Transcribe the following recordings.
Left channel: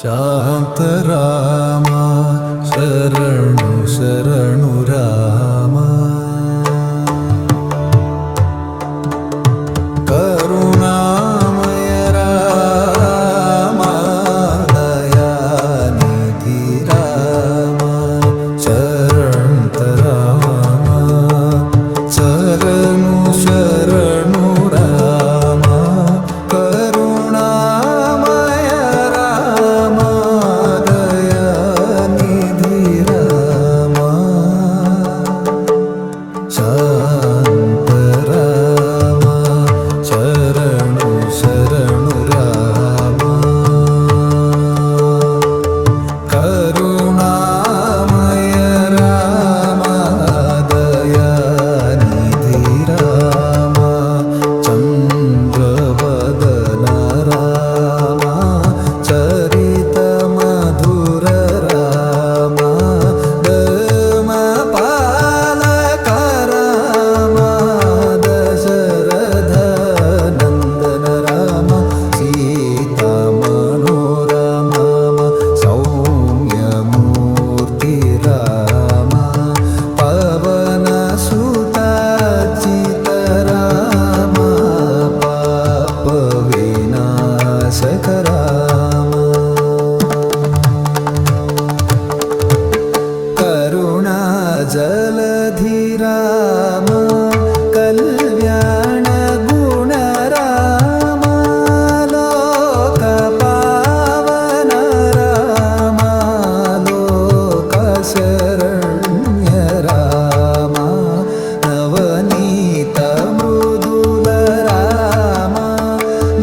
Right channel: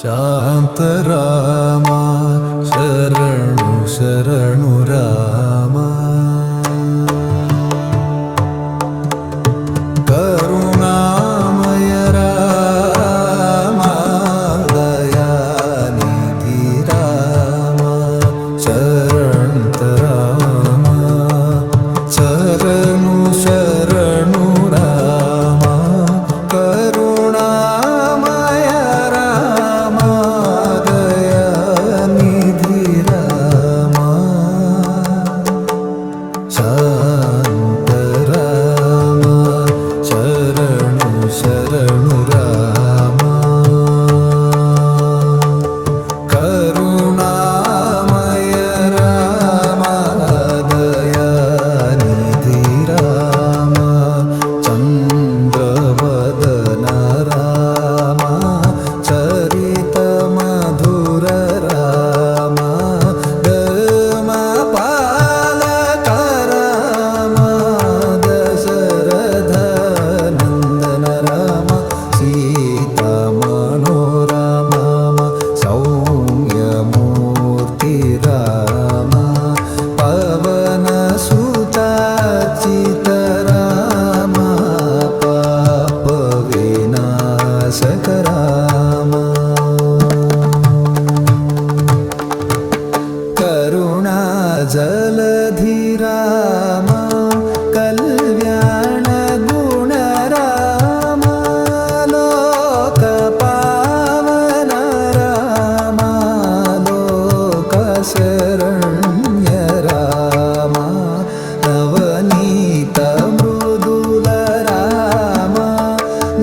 ಶಾಂತರಾಮ ಶರಣು ಶರಣು ರಾಮ. ಕರುಣಾಮಯ ರಾಮ ದಯಾನಿಧಿ ರಾಮ ಶರಣಂತ ರಾಮ. ಶರಣು ಶರಣು ರಾಮ ಕರುಣಾಮಯ ರಾಮ ದಯಾನಿಧಿ ರಾಮ. ಶಾಂತ ರಾಮ ಶರಣು ಶರಣು ರಾಮ. ಕರುಣಾಮಯ ರಾಮ ದಯಾನಿಧಿ ರಾಮ. ಚಂದ್ರವದನ ರಾಮ ಚರಿತ ಮಧುರ ರಾಮ. ಧರ್ಮ ಪಾಲಕ ರಾಮ ದಶರಥ ನಂದನ ರಾಮ. ಸೀತಾ ಮನೋರಮ ಸೌಮ್ಯ ಮೂರ್ತಿ ರಾಮ. ಪವನ ಸುತ ಚಿತ ರಾಮ ಪಾಪ ವಿನಾಶಕ ರಾಮ. ಕರುಣಾ ಜಲಧಿ ರಾಮ ಕಲ್ಯಾಣ ಗುಣ ರಾಮ. ಲೋಕ ಪಾವನ ರಾಮ ಲೋಕ ಶರಣ್ಯ ರಾಮ. ನವನೀತ ಮೃದುಲ ರಾಮ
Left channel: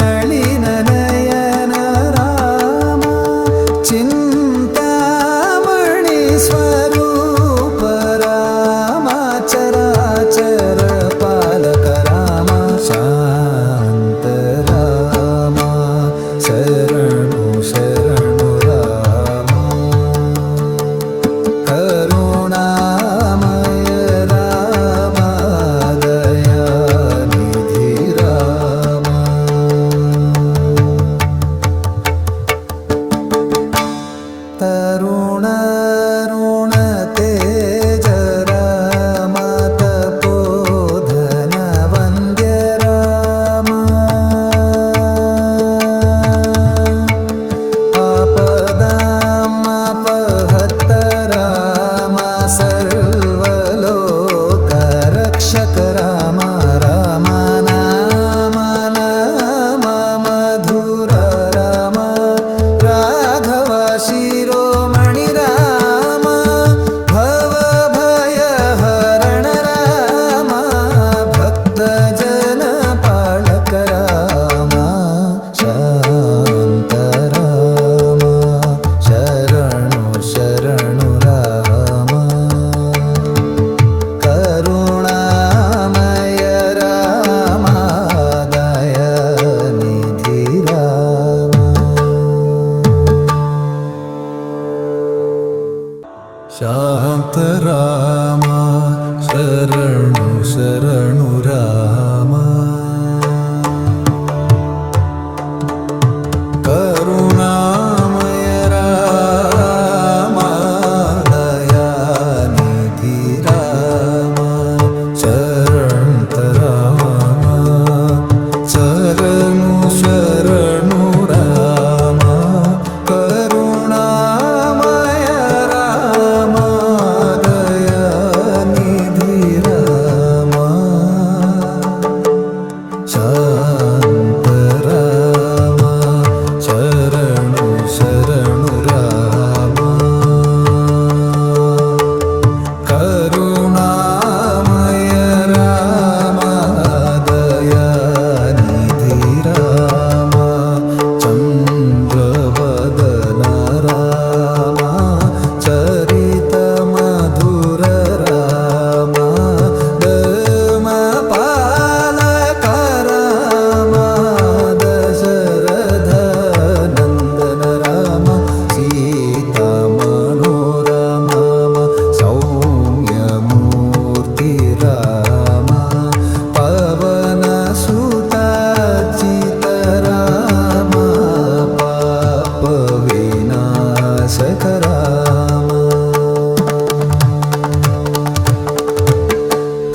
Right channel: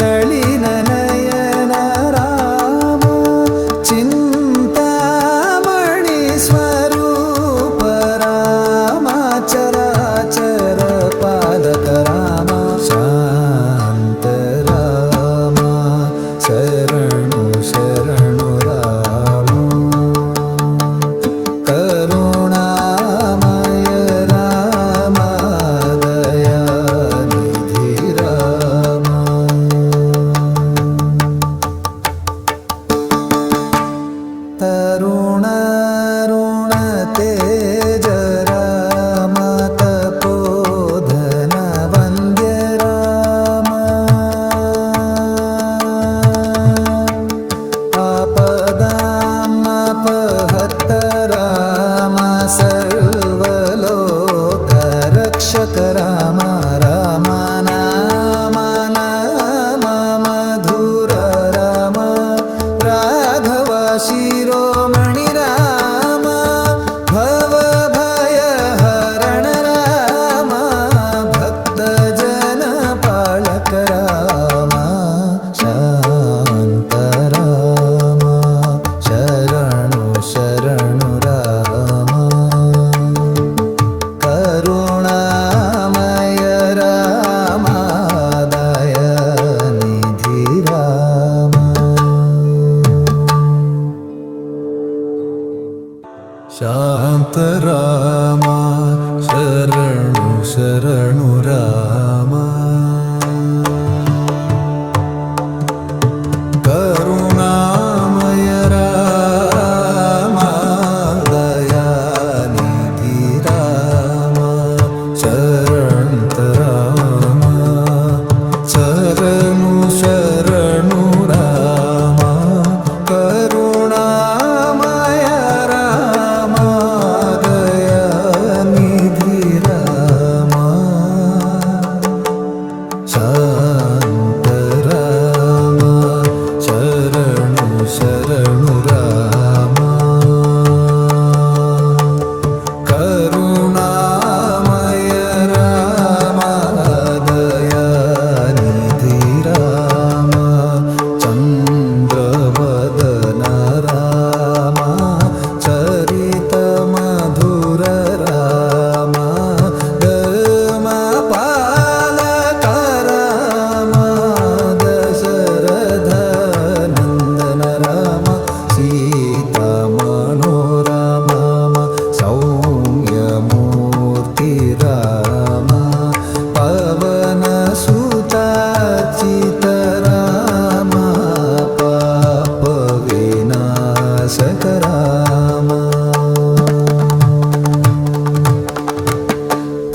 ನಳಿನ ನಯನ ರಾಮ. ಚಿಂತಾಮಣಿ ಸ್ವರೂಪ ರಾಮ ಚರಾಚರ ಪಾಲಕ ರಾಮ. ಶಾಂತ ರಾಮ ಶರಣು ಶರಣು ರಾಮ. ಕರುಣಾಮಯ ರಾಮ ದಯಾನಿಧಿ ರಾಮ. ತರುಣ ಋಣ ತೇಜ ರಾಮ ತಪೋಧನ ವಂದ್ಯ ರಾಮ. ಆಪದಾಮಪಹತ್ತ ರಾಮ ಸರ್ವಲೋಕ ರಕ್ಷಕ ರಾಮ. ರಾಮ ನಾಮ ನಾಮ ಮಧುರ ರಾಮ. ರಾಘವ ಶಿರೋಮಣಿ ರಾಮ ಭವ ಭಯ ಹರಣ ರಾಮ. ಭಕ್ತ ಜನ ಪಾಲಕ ರಾಮ. ಶಾಂತ ರಾಮ ಶರಣು ಶರಣು ರಾಮ. ಕರುಣಾಮಯ ರಾಮ ದಯಾನಿಧಿ ರಾಮ. ಶಾಂತ ರಾಮ ಶರಣು ಶರಣು ರಾಮ. ಕರುಣಾಮಯ ರಾಮ ದಯಾನಿಧಿ ರಾಮ. ಶರಣಂತ ರಾಮ ಶರಣು ಶರಣು ರಾಮ. ಕರುಣಾಮಯ ರಾಮ ದಯಾನಿಧಿ ರಾಮ. ಶಾಂತ ರಾಮ ಶರಣು ಶರಣು ರಾಮ. ಕರುಣಾಮಯ ರಾಮ ದಯಾನಿಧಿ ರಾಮ. ಚಂದ್ರವದನ ರಾಮ ಚರಿತ ಮಧುರ ರಾಮ. ಧರ್ಮ ಪಾಲಕ ರಾಮ ದಶರಥ ನಂದನ ರಾಮ. ಸೀತಾ ಮನೋರಮ ಸೌಮ್ಯ ಮೂರ್ತಿ ರಾಮ. ಪವನ ಸುತ ಚಿತ ರಾಮ ಪಾಪ विनाशक राम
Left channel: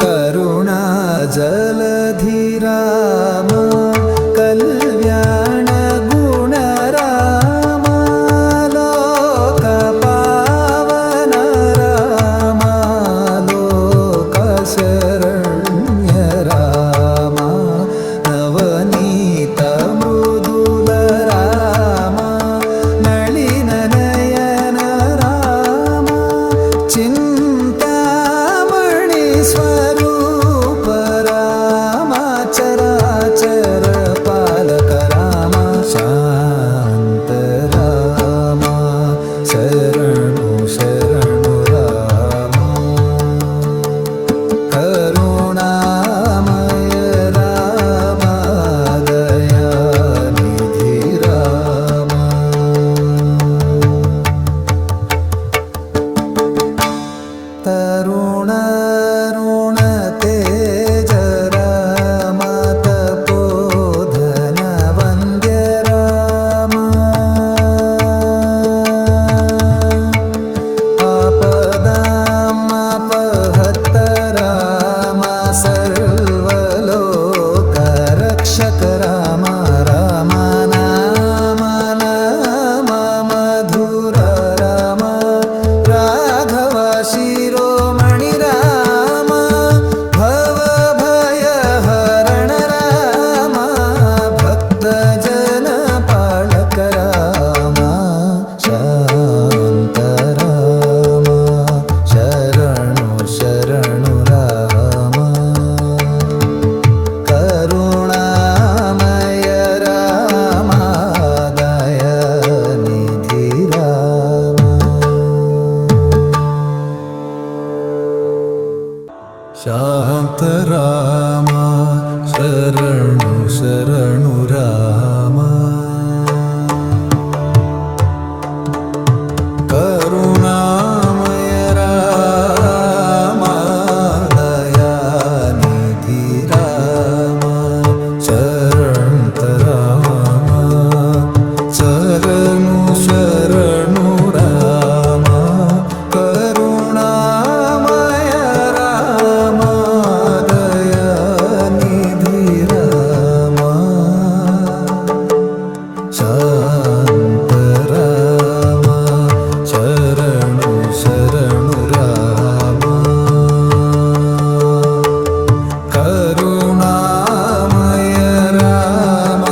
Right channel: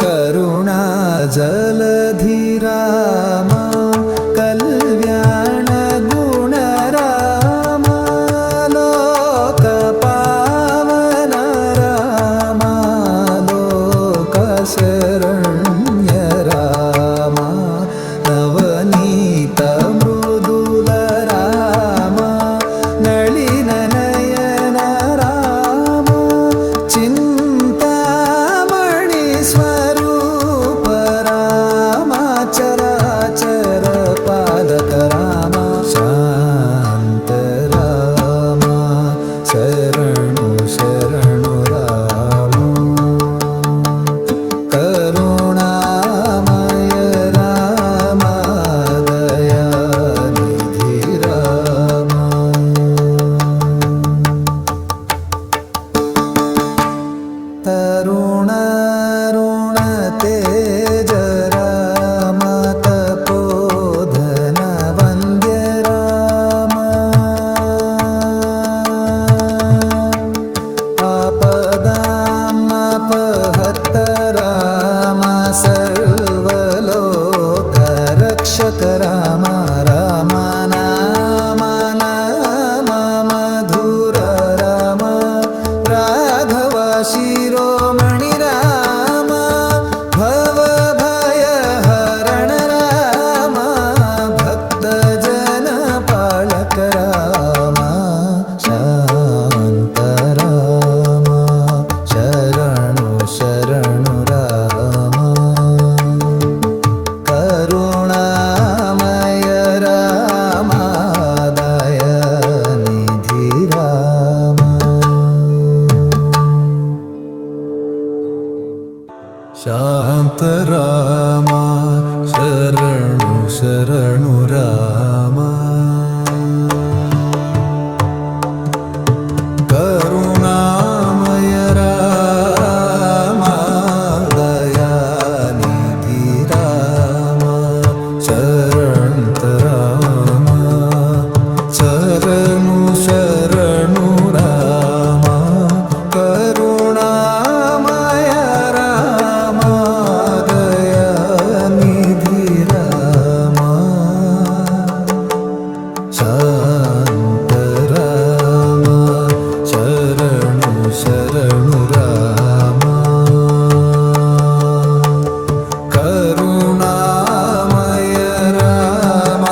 करुणा जलधि राम कल्याण गुण राम लोक पावन राम लोक शरण्य राम नवनीत मृदुल राम नलिन नयन राम चिंतामणि स्वरूप राम चराचर पालक राम शांत राम शरणु शरणु राम करुणामय राम दयानिधि राम तरुण ऋण तेज राम तपोधन वन्द्य राम आपदामपहत राम सर्वलोक रक्षक राम राम नाम नाम मधुर राम राघव शिरोमणि राम भव भय हरण राम भक्त जन पालक राम शांत राम शरणु शरणु राम करुणामय राम दयानिधि राम शांत राम शरणु शरणु राम करुणामय राम दयानिधि राम शरणत राम शरणु शरणु राम करुणामय राम दयानिधि राम शांत राम शरणु शरणु राम करुणामय राम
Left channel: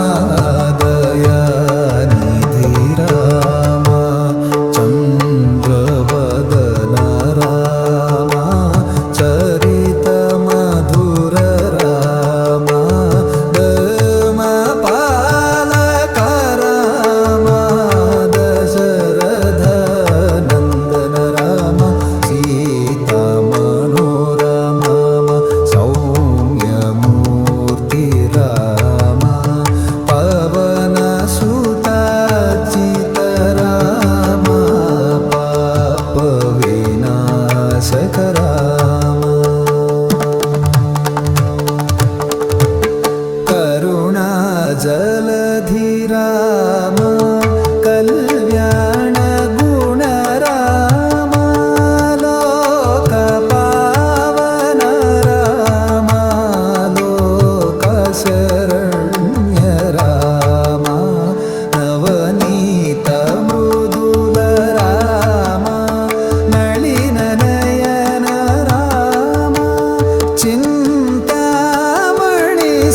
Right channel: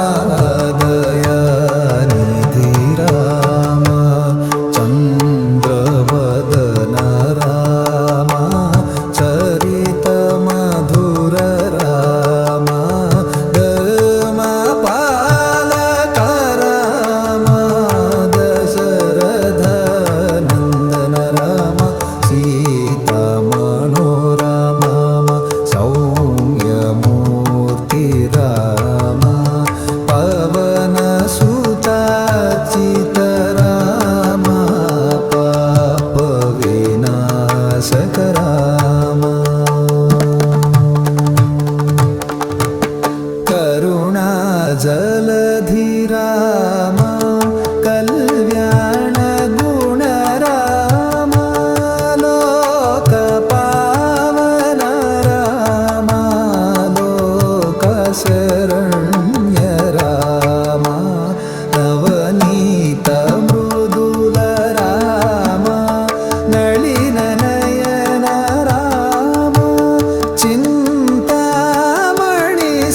दयानिधि राम चन्द्रवदन राम चरित मधुर राम पालक राम दशरथ नंदन राम सीता मनोरमा सौम्यमूर्ति राम पवन सुताचित राम पाप विनाशक राम करुणा जलधि राम कल्याण गुण राम लोक पावन राम लोक शरण्य राम नवनीत मृदुल राम नलिन नयन राम चिंतामणि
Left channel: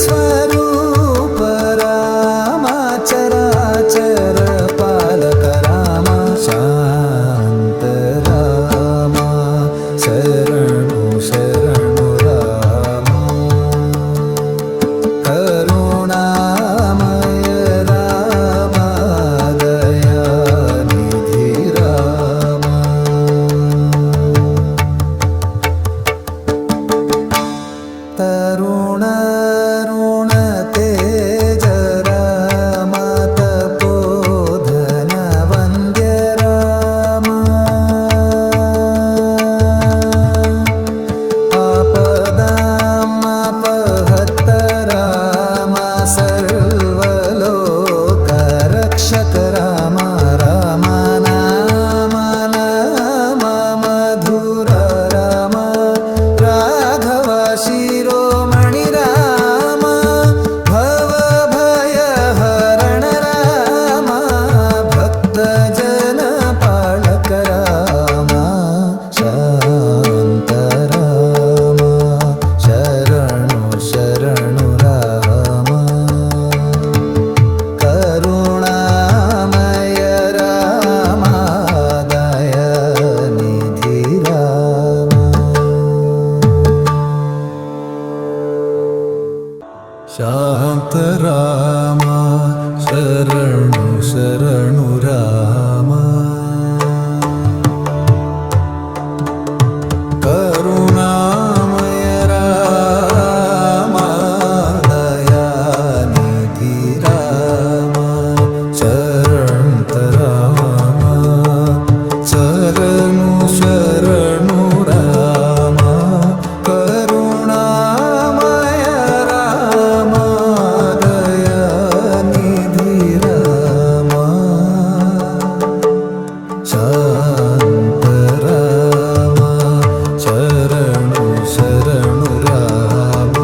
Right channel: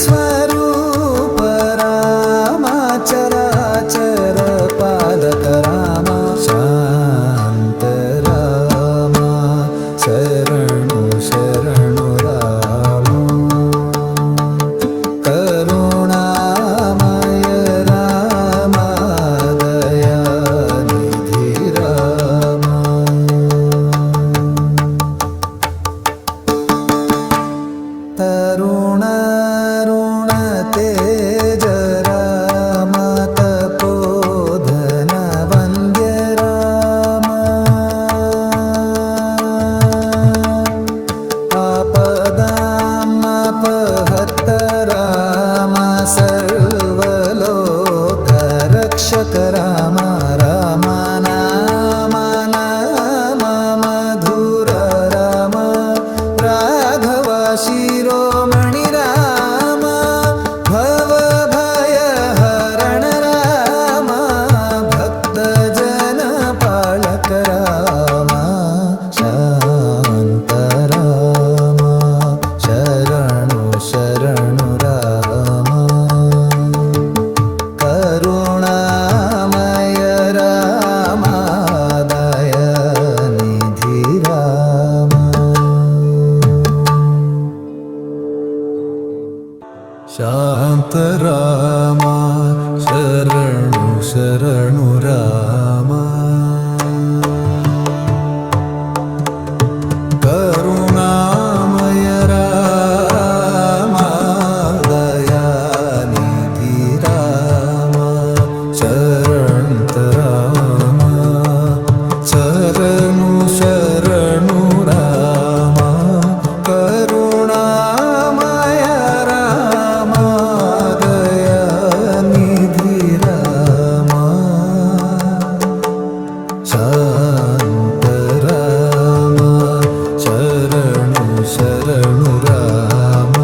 स्वरूप राम चराचर पालक राम शांत राम शरणु शरणु राम करुणामय राम दयानिधि राम तरुण ऋण तेज राम तपोधन वन्द्य राम आपदामपहत राम सर्वलोक रक्षक राम ರಾಮ ಶಾಂತರಾಮ ಶರಣು ಶರಣು ರಾಮ ಕರುಣಾಮಯ ರಾಮ ದಯಾನಿಧಿ ರಾಮ ಶಾಂತರಾಮ ಶರಣು ಶರಣು ರಾಮ ಕರುಣಾಮಯ ರಾಮ ದಯಾನಿಧಿ ರಾಮ ಶರಣಂತರಾಮ ಶರಣು ಶರಣು ರಾಮ ಕರುಣಾಮಯ ರಾಮ ದಯಾನಿಧಿ ರಾಮ ಶಾಂತರಾಮ ಶರಣು ಶರಣು ರಾಮ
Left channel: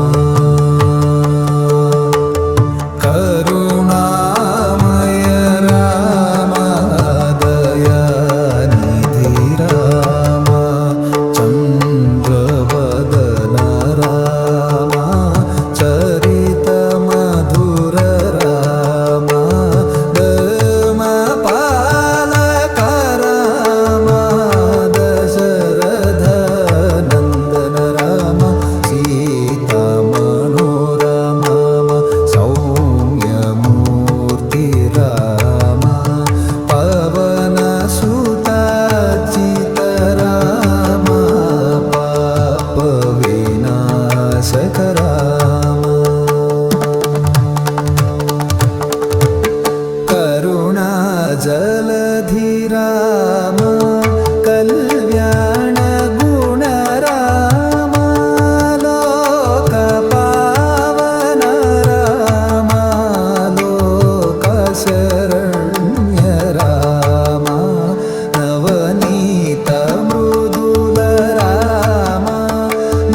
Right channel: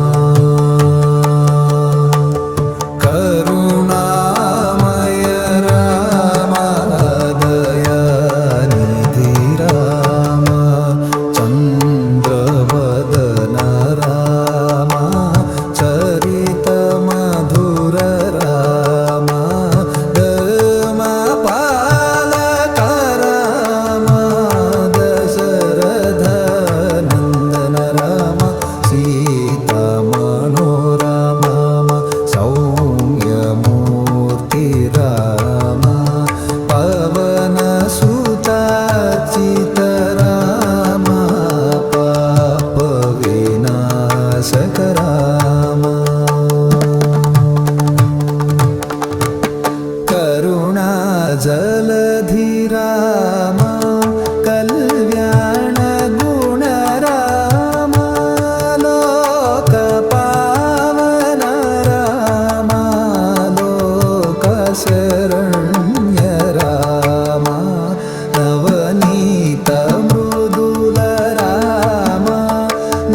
ಕರುಣಾಮಯ ರಾಮ ದಯಾನಿಧಿ ರಾಮ ಚಂದ್ರವದನ ರಾಮ ಚರಿತ ಮಧುರ ರಾಮ ಧರ್ಮ ಪಾಲಕ ರಾಮ ದಶರಥ ನಂದನ ರಾಮ ಸೀತಾ ಮನೋರಮ ಸೌಮ್ಯಮೂರ್ತಿ ರಾಮ ಪವನ ಸುತಾಚಿತ ರಾಮ ಪಾಪ ವಿನಾಶಕ ರಾಮ ಕರುಣಾ ಜಲಧಿ ರಾಮ ಕಲ್ಯಾಣ ಗುಣ ರಾಮ ಲೋಕ ಪಾವನ ರಾಮ ಲೋಕ ಶರಣ್ಯ ರಾಮ ನವನೀತ ಮೃದುಲ ರಾಮ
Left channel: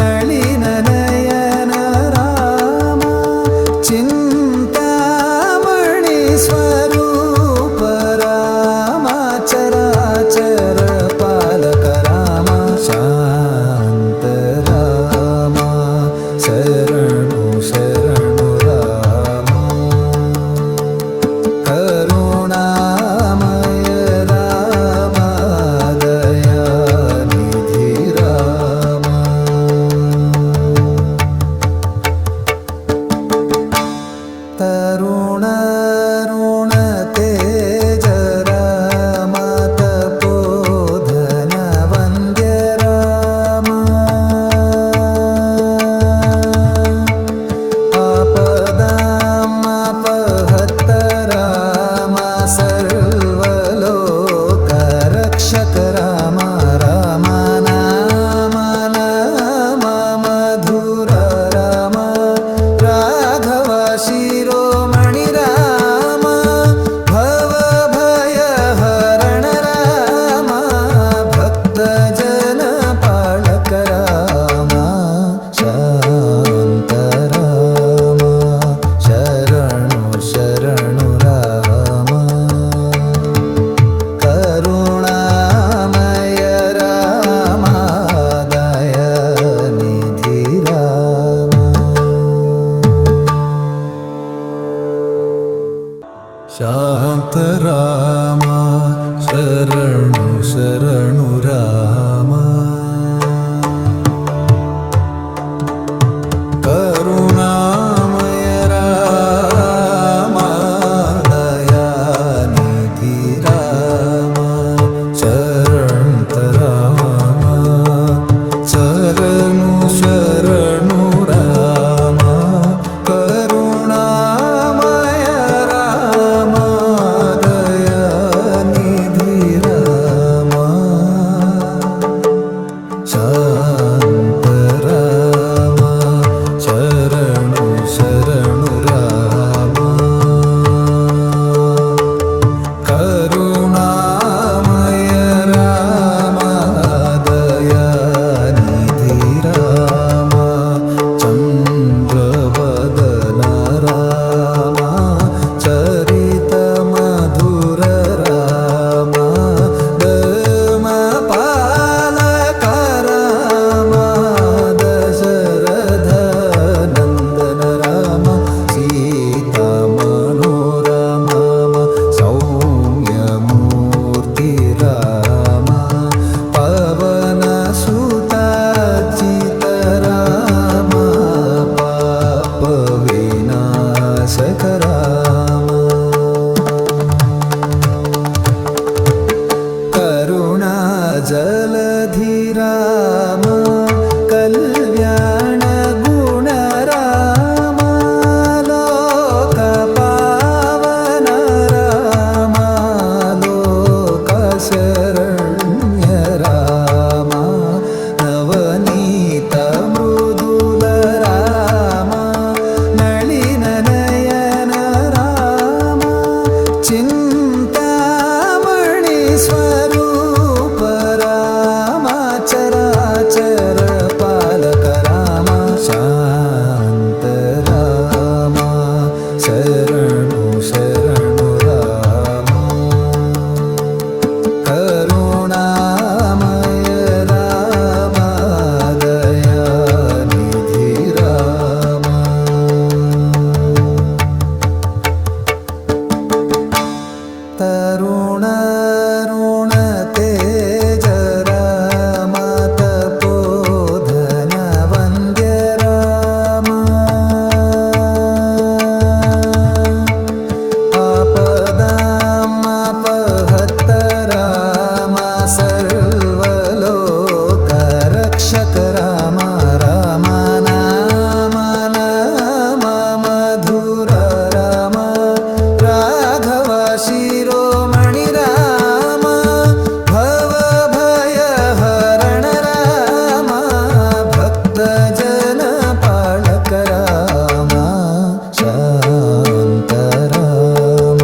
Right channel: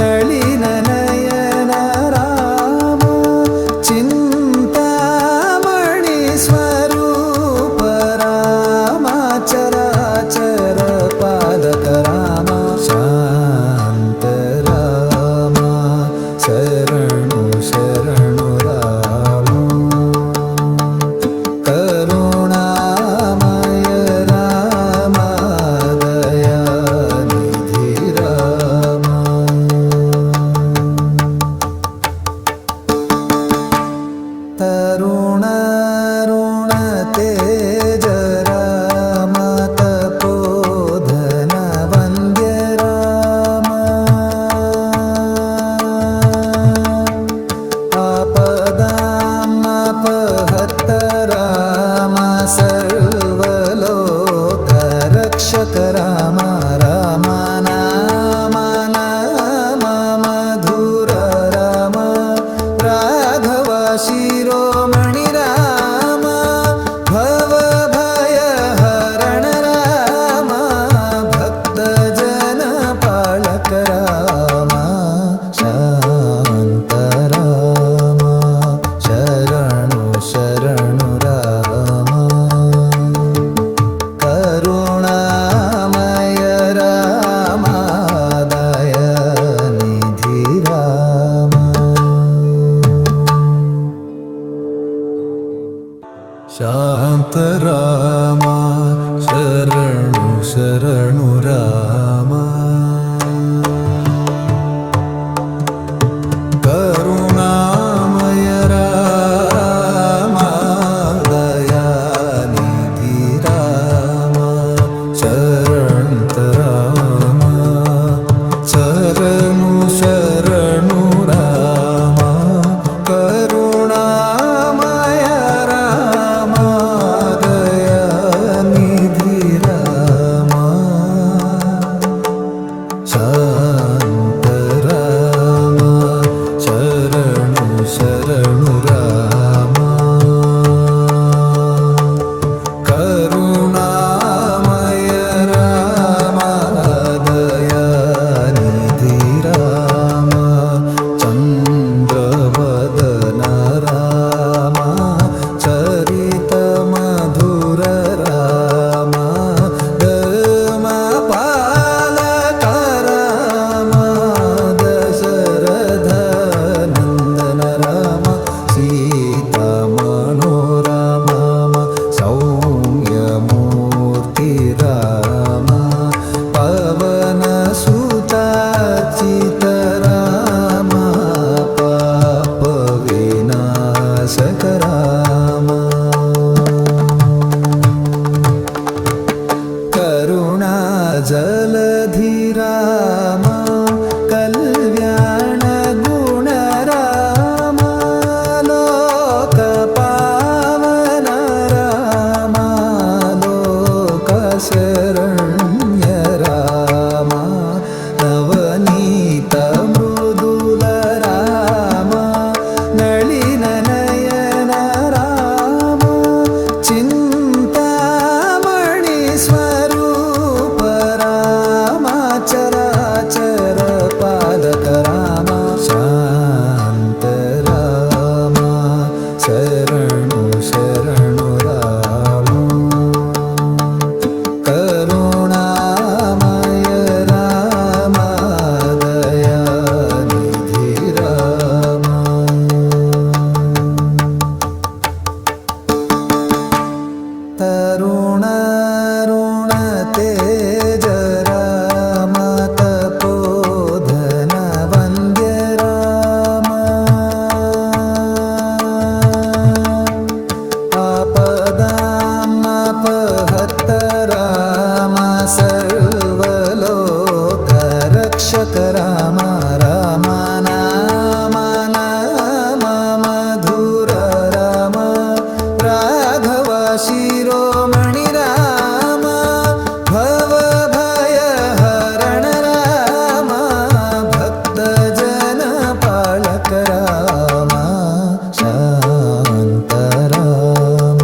ನಳಿನ ನಯನ ರಾಮ ಚಿಂತಾಮಣಿ ಸ್ವರೂಪ ರಾಮ ಚರಾಚರ ಪಾಲಕ ರಾಮ ಶಾಂತ ರಾಮ ಶರಣು ಶರಣು ರಾಮ ಕರುಣಾಮಯ ರಾಮ ದಯಾನಿಧಿ ರಾಮ ತರುಣಾರುಣ ತೇಜ ರಾಮ ತಪೋಧನ ವಂದ್ಯ ರಾಮ ಆಪದಾಮಪಹತ್ತ ರಾಮ ಸರ್ವಲೋಕ ರಕ್ಷಕ ರಾಮ ರಾಮ ನಾಮ ನಾಮ ಮಧುರ ರಾಮ ರಾಘವ ಶಿರೋಮಣಿ ರಾಮ ಭವ ಭಯ ಹರಣ ರಾಮ ಭಕ್ತ ಜನ ಪಾಲಕ ರಾಮ ಶಾಂತ ರಾಮ ಶರಣು ಶರಣು ರಾಮ ಕರುಣಾಮಯ ರಾಮ ದಯಾನಿಧಿ ರಾಮ ಶಾಂತ ರಾಮ ಶರಣು ಶರಣು ರಾಮ ಕರುಣಾಮಯ ರಾಮ ದಯಾನಿಧಿ ರಾಮ ಶರಣಂತ ರಾಮ ಶರಣು ಶರಣು ರಾಮ ಕರುಣಾಮಯ ರಾಮ ದಯಾನಿಧಿ ರಾಮ ಶಾಂತ ರಾಮ ಶರಣು ಶರಣು ರಾಮ ಕರುಣಾ मूर्ति राम पवन सुताचित राम पाप विनाशक राम करुणा जलधि राम कल्याण गुण राम लोक पावन राम लोक शरण्य राम नवनीत मृदुल राम नलिन नयन राम चिंतामणि स्वरूप राम चराचर पालक राम शांत राम शरणु शरणु राम करुणामय राम दयानिधि राम तरुण ऋण तेज राम तपोधन वन्द्य राम आपदामपहत राम सर्वलोक रक्षक राम राम नाम नाम मधुर राम राघव शिरोमणि राम भव भय हरण राम भक्त जन पालक राम शांत राम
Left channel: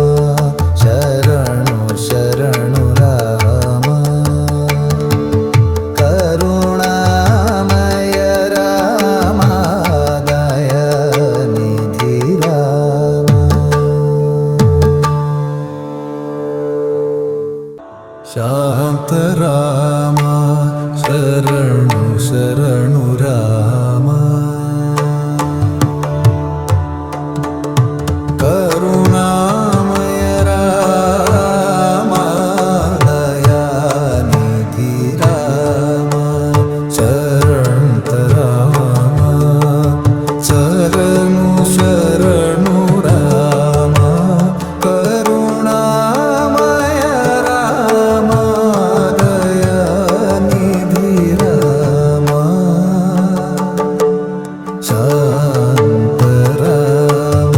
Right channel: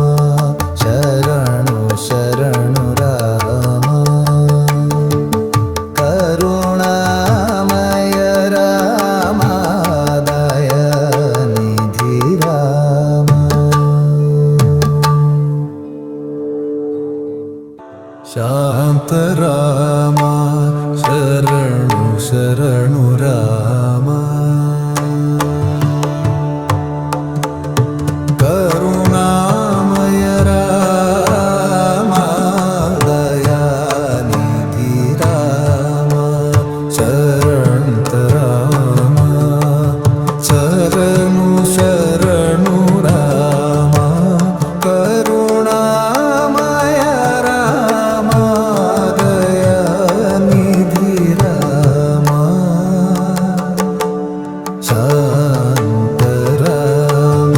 शरणु शरणु राम करुणामय राम दयानिधि राम शांत राम शरणु शरणु राम करुणामय राम दयानिधि राम शरणत राम शरणु शरणु राम करुणामय राम दयानिधि राम शांत राम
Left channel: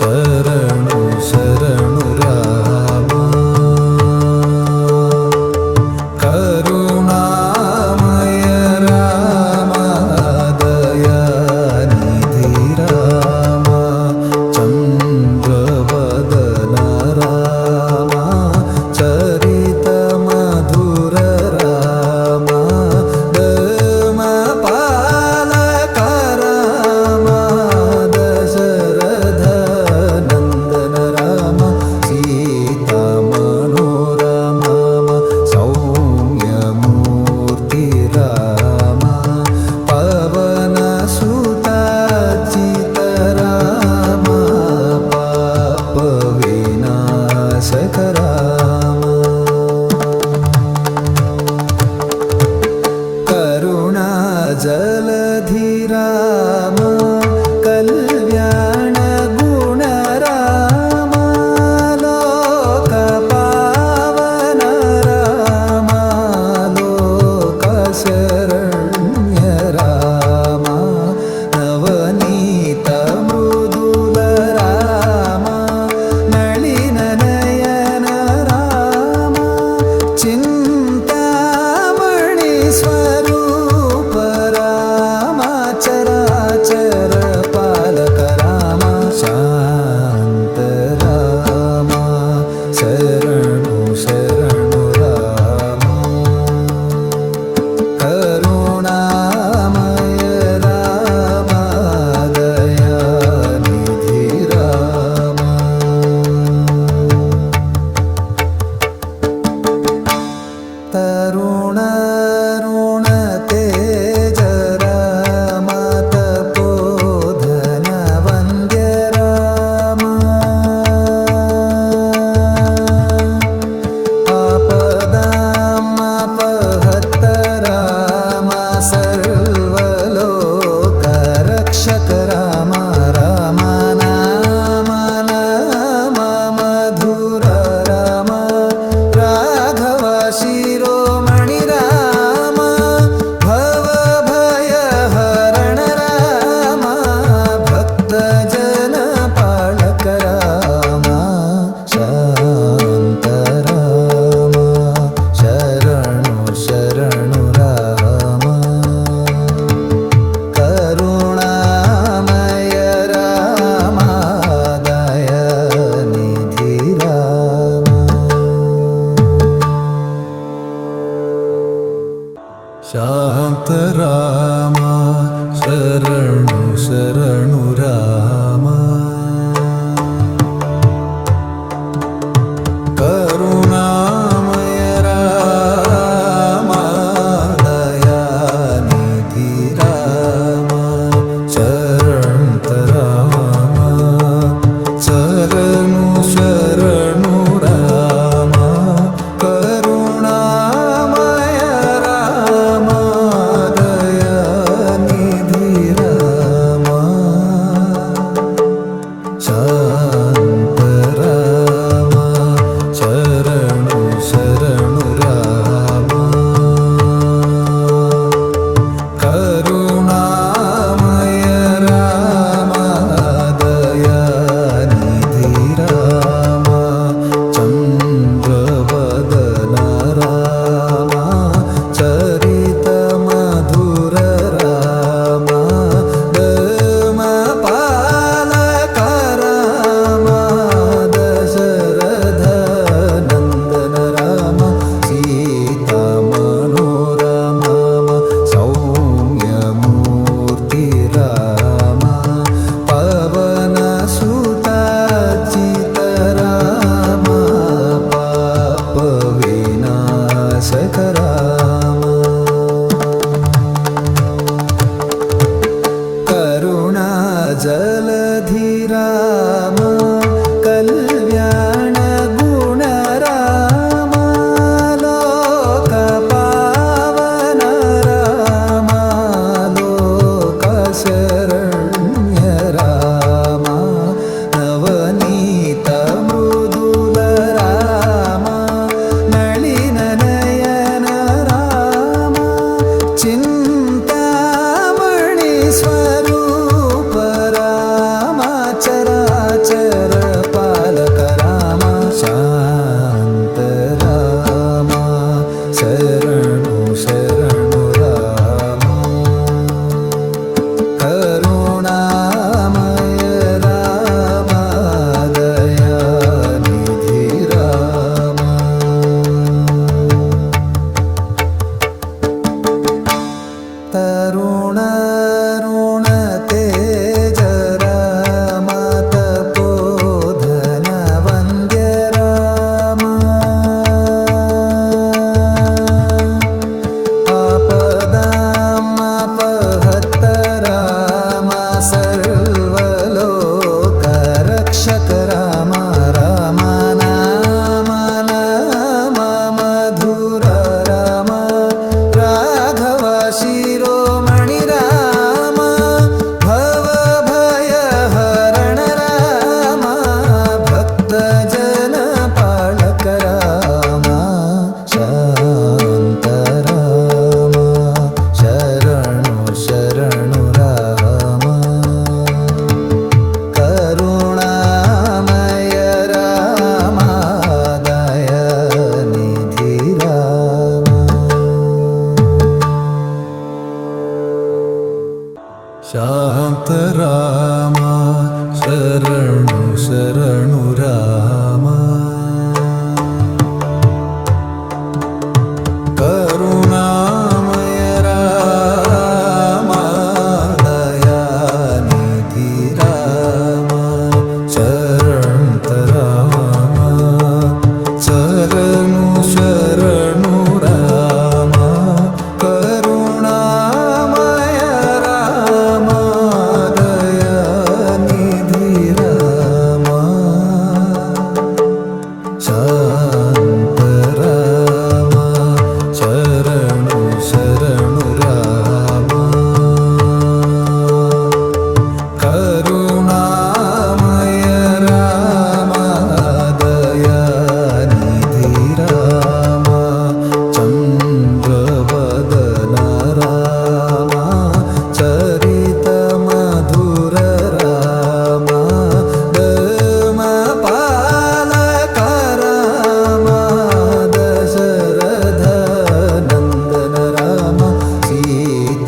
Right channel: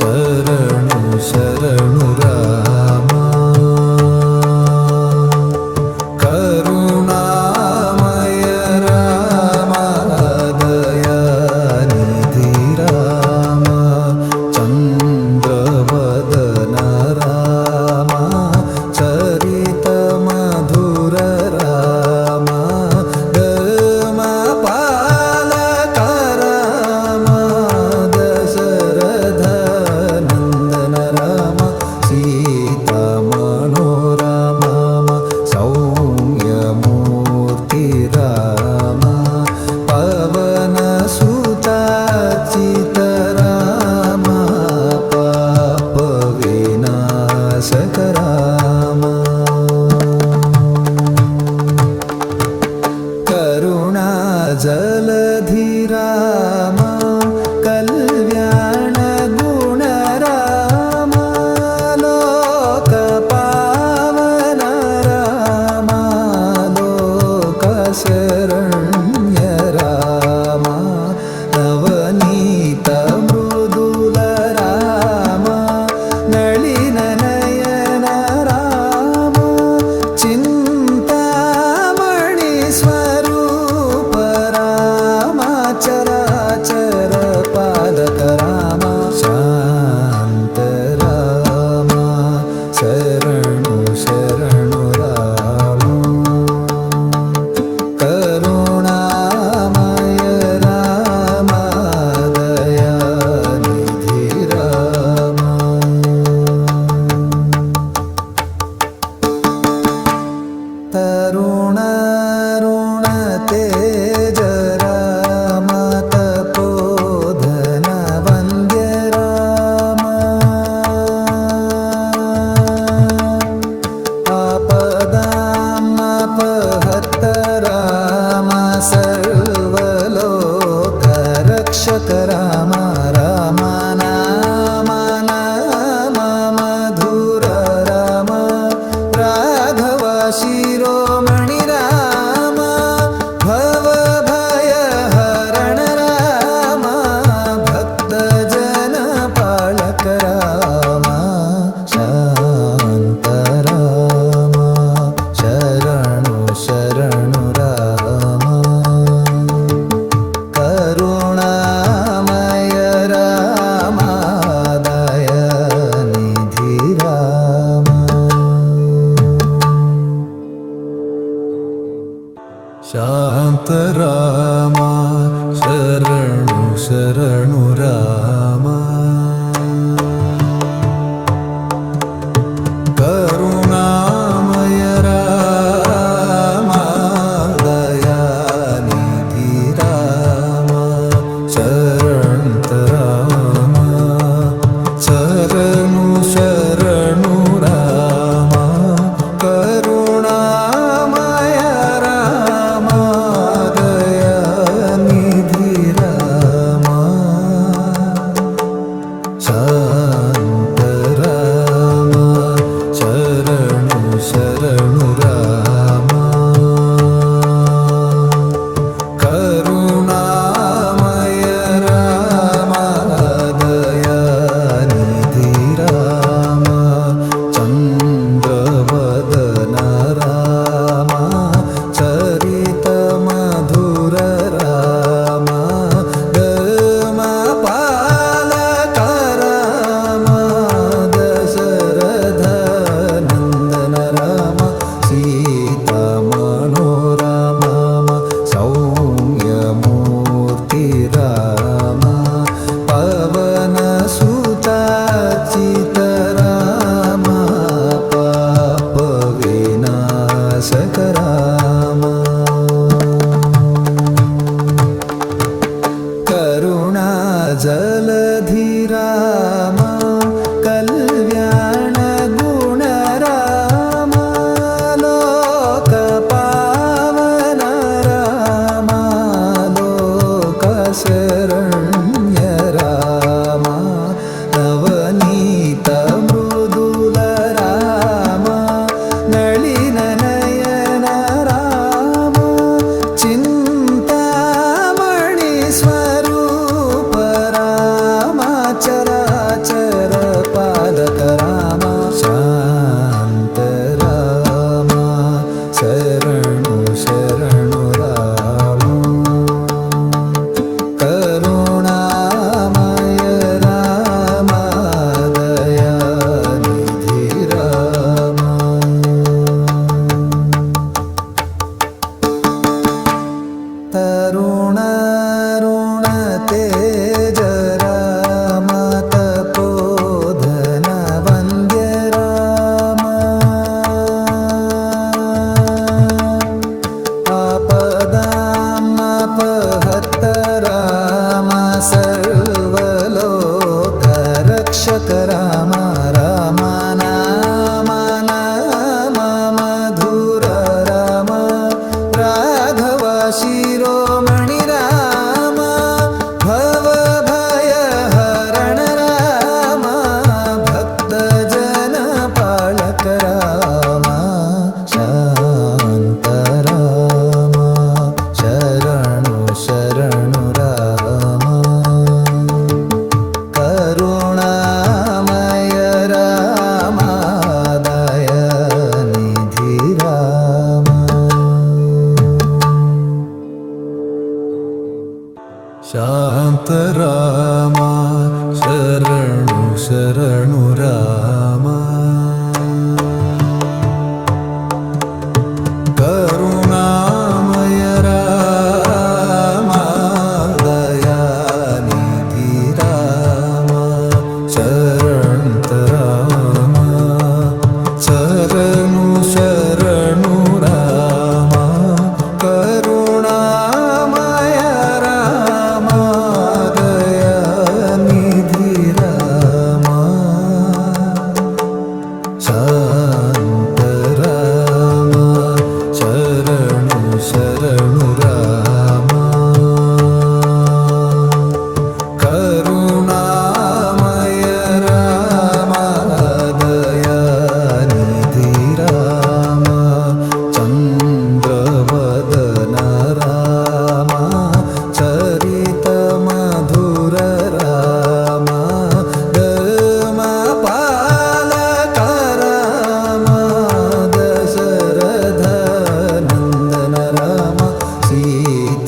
शरणु शरणु राम करुणामय राम दयानिधि राम चन्द्रवदन राम चरित मधुर राम पालक राम दशरथ नंदन राम सीता मनोरमा सौम्य मूर्ति राम पवन सुताचित राम पाप विनाशक राम करुणा जलधि राम कल्याण गुण राम लोक पावन राम लोक शरण्य राम नवनीत मृदुल राम नलिन नयन राम चिंतामणि स्वरूप राम चराचर पालक राम शांत राम शरणु शरणु राम करुणामय राम दयानिधि राम तरुण ऋण तेज राम तपोधन वन्द्य राम आप राम सर्वलोकरक्षक राम राम नाम नाम मधुर राम राघव शिरोमणि राम भव भय हरण राम भक्त जन पालक राम शांत राम शरणु शरणु राम करुणामय राम दयानिधि राम शांत राम शरणु शरणु राम करुणामय राम दयानिधि राम शरणत राम शरणु शरणु राम करुणामय राम दयानिधि राम शांत राम शरणु शरणु राम करुणामय राम दयानिधि राम चन्द्रवदन राम चरित मधुर राम पालक राम दशरथ नंदन राम सीता मनोरमा सौम्यमूर्ति राम पवन सुताचित राम पाप विनाशक राम करुणा जलधि राम कल्याण गुण राम लोक पावन राम लोक शरण्य राम नवनीत मृदुल राम नलिन नयन राम चिंतामणि स्वरूप राम चराचर पालक राम शांत राम शरणु शरणु राम करुणामय राम दयानिधि राम तरुण ऋण तेज राम तपोधन वन्द्य राम आपदामपहत राम सर्वलोकरक्षक राम राम नाम नाम मधुर राम राघव शिरोमणि राम भव भय हरण राम भक्त जन पालक राम शांत राम शरणु शरणु राम करुणामय राम दयानिधि राम शांत राम शरणु शरणु राम करुणामय राम दयानिधि राम शरणत राम शरणु शरणु राम करुणामय राम दयानिधि राम शांत राम दशरथनन्दन राम सीतामनोरमा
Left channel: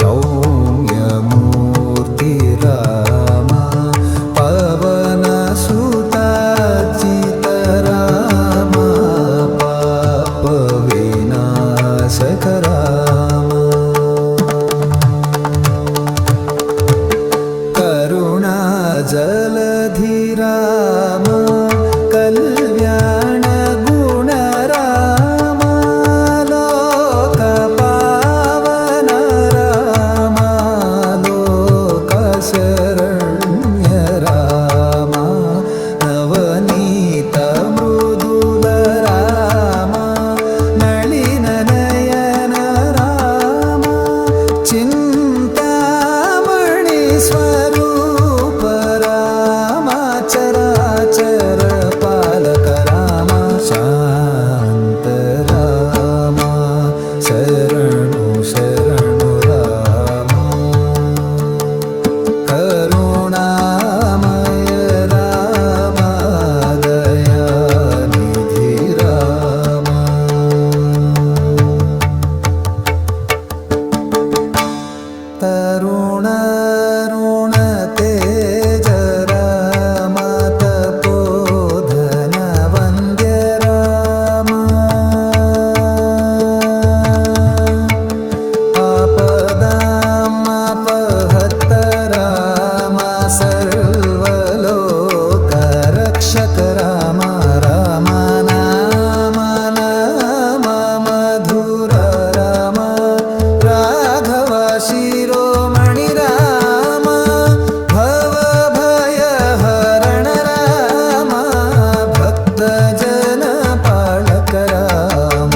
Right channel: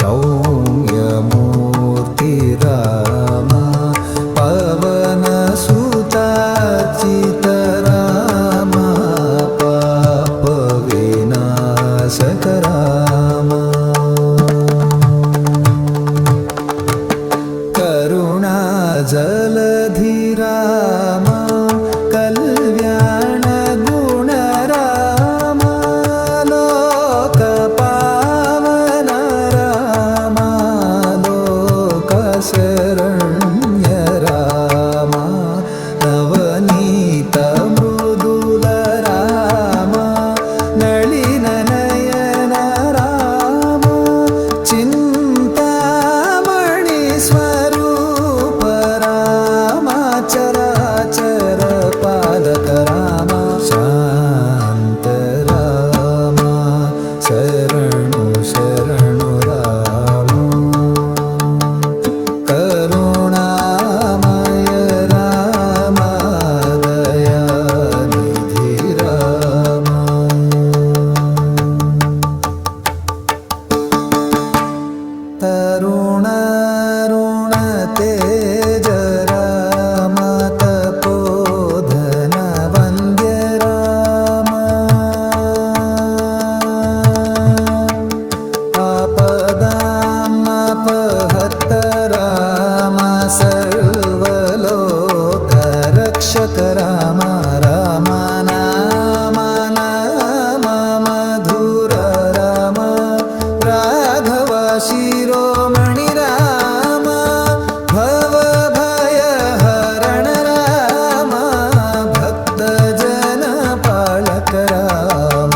सौम्यमूर्ति राम पवनसुताचित राम पापविनाशक राम करुणाजलधि राम कल्याणगुण राम लोकपावन राम लोकशरण्य राम नवनीत मृदुल राम नलिननयन राम चिन्तामणि स्वरूप राम चराचर पालक राम शान्त राम शरणु शरणु राम करुणामय राम दयानिधि राम तरुणारुण तेज राम तपोधन वन्द्य राम आपदामपहत राम सर्वलोकरक्षक राम राम नाम नाम मधुर राम राघव शिरोमणि राम भव भय हरण राम भक्तजन पालक राम